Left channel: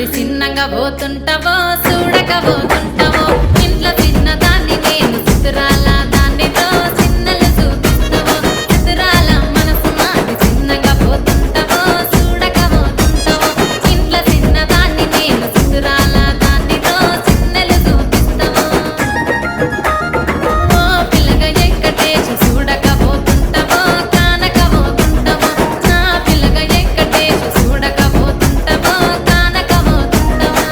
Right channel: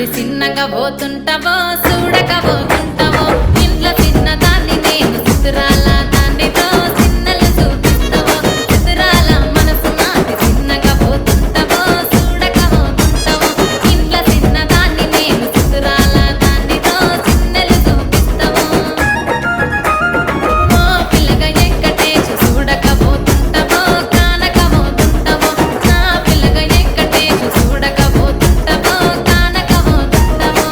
మాటి చిన్నగా పోతుంటావో చూడక పోతుంటావో ఇంట్లో చిన్నదాన్ని నేను చిత్రాల దాన్ని రో చిన్నలు చూపిస్తావో చిత్రాల మనసు మాటి చిన్నగా పోతుంటావో చూడక పోతుంటావో ఇంట్లో చిన్నదాన్ని నేను చిత్రాల దాన్ని రో చిన్నలు చూపిస్తావో ఓ పిల్లగా వెంకటేష్ చూడక పోతుంటావో కానక పోతుంటావో నా పిల్లగా వెంకటేష్ చూడక పోతుంటావో కానక పోతుంటావో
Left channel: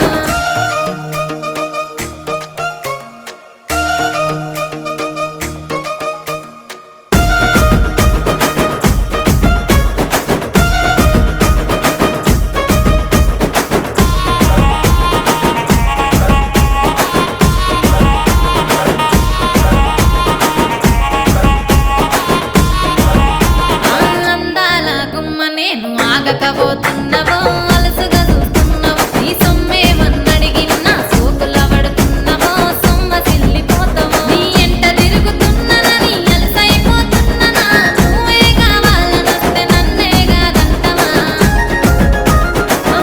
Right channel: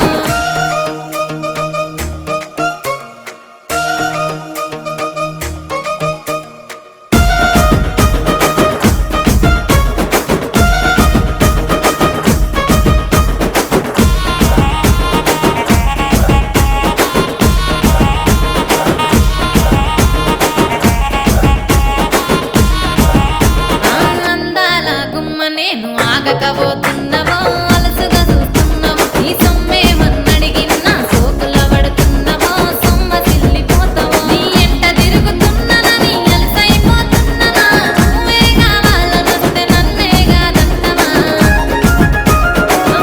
అందాల గుమ్మ నేను ఆగకపోతున్నావో అలసుగా చూస్తున్నావో నీ సొమ్మేమన్నడిగిన్నా సోకుల పడుతున్నావో సొమ్మ సిల్లిపోతావో నీ ఎంట తిరుగుతున్నానని అలసైపోతున్నానా నువ్వే కావాలనొస్తే నన్నే కాదంటవా ఓ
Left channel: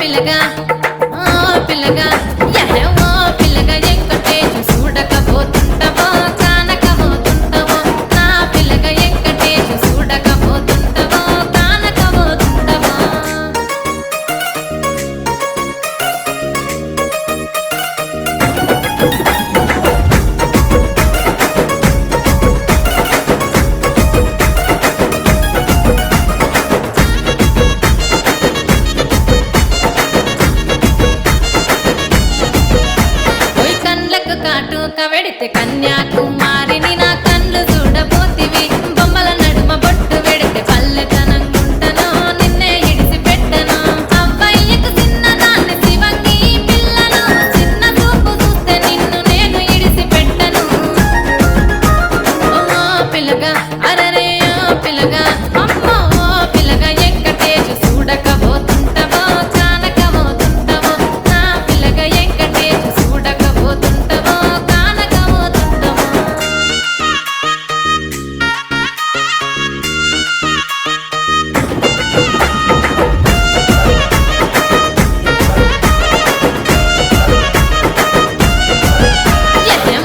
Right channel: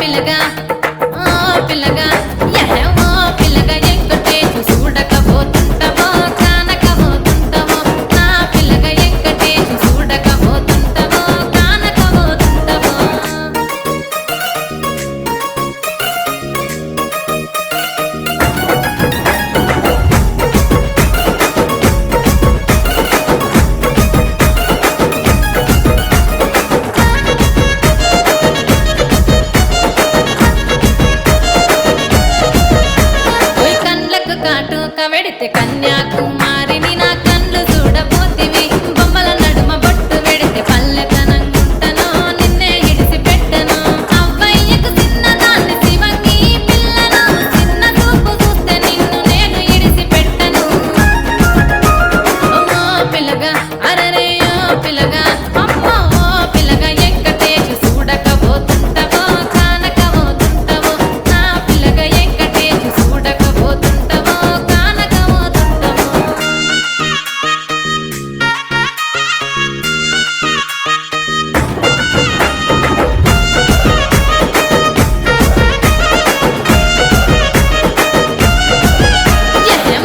పిల్లగా ఓ పిల్లగా ఓ పిల్లగా వెంకటేష్ చూడకపోతుంటావో కానకపోతుంటావో నా పిల్లగా వెంకటేష్ చూడకపోతుంటావో కానకపోతుంటావో ఓయ్ కండ్లకు కాటుక వెడితే కన్యాకుమారిని నా కండ్లు చూడపోతివి బొమ్మల నడుమ బొట్టు వెడితే పల్లెతనంగుంటను నిన్నే ఇడిసి పెట్టను అవ్వయ్యకు చిన్నదాన్ని శివంగి పిల్లను చిన్న చూపు చూస్తే నిన్ను నేను ఇడిసి పెట్టను ఓ పిల్లగా అరరే ఓ పిల్లగా అమ్మో ఓ పిల్లగా వెంకటేష్ చూడకపోతుంటావో కానకపోతుంటావో నా పిల్లగా వెంకటేష్ చూడకపోతుంటావో కానకపోతుంటావో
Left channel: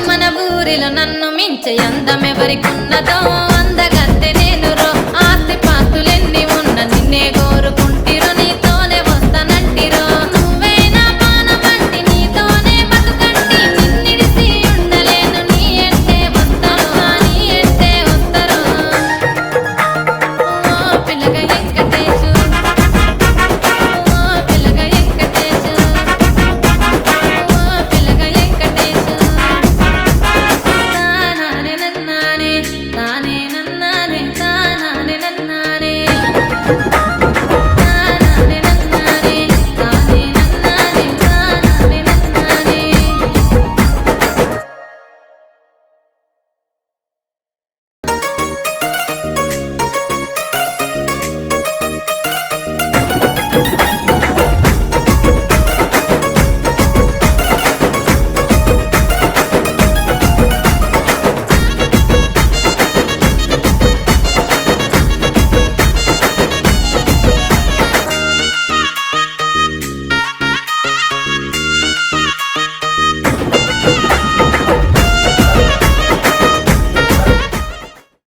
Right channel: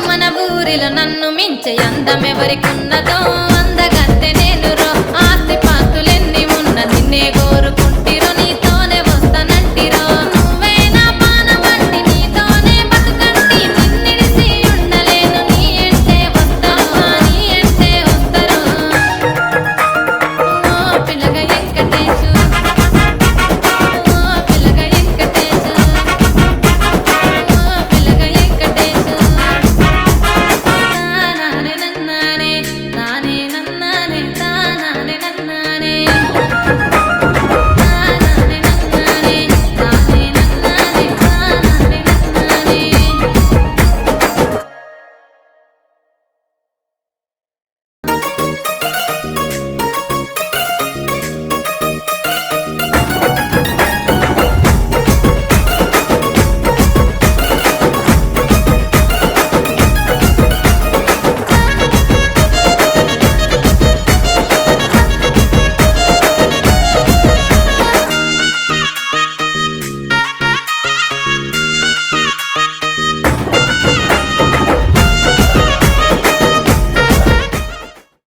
మన ఊరిలో నన్ను మించే అందం ఎవరికున్నదో